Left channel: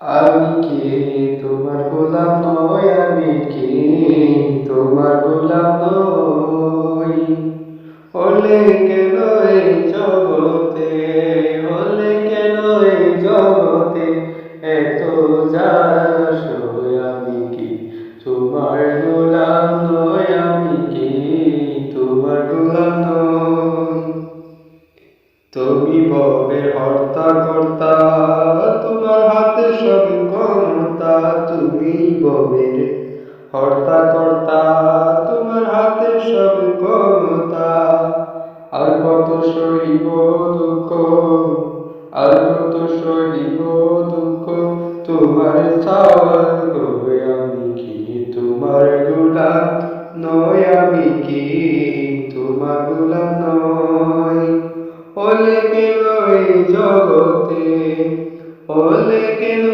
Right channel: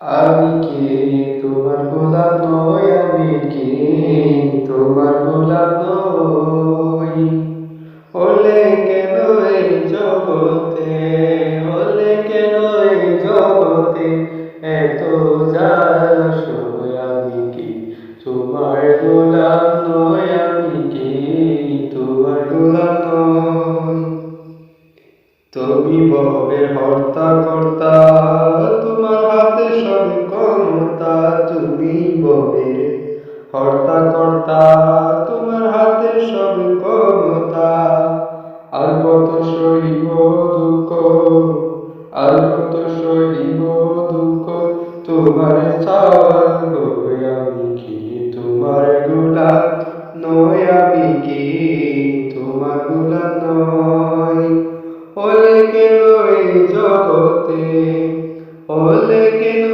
আমি কে তোমার গোলাম নই, আমি কে তোমার গোলাম নই। হলে কেন এই জগতে, হলে কেন এই জগতে এত যাসই। আমি কি তোমার গোলাম নই, আমি কি তোমার গোলাম নই। তুমি ভবের হর্তা কর্তা, তোমার হাতে সব ক্ষমতা। তুমি ভবের হর্তা কর্তা, তোমার হাতে সব ক্ষমতা। আর কত সহিব দুঃখ, আর কত সহিব দুঃখ তোমার চাওয়ার গো। আমি কি তোমার গোলাম নই, আমি কি তোমার গোলাম নই। হলে কেন এই জগতে, হলে কেন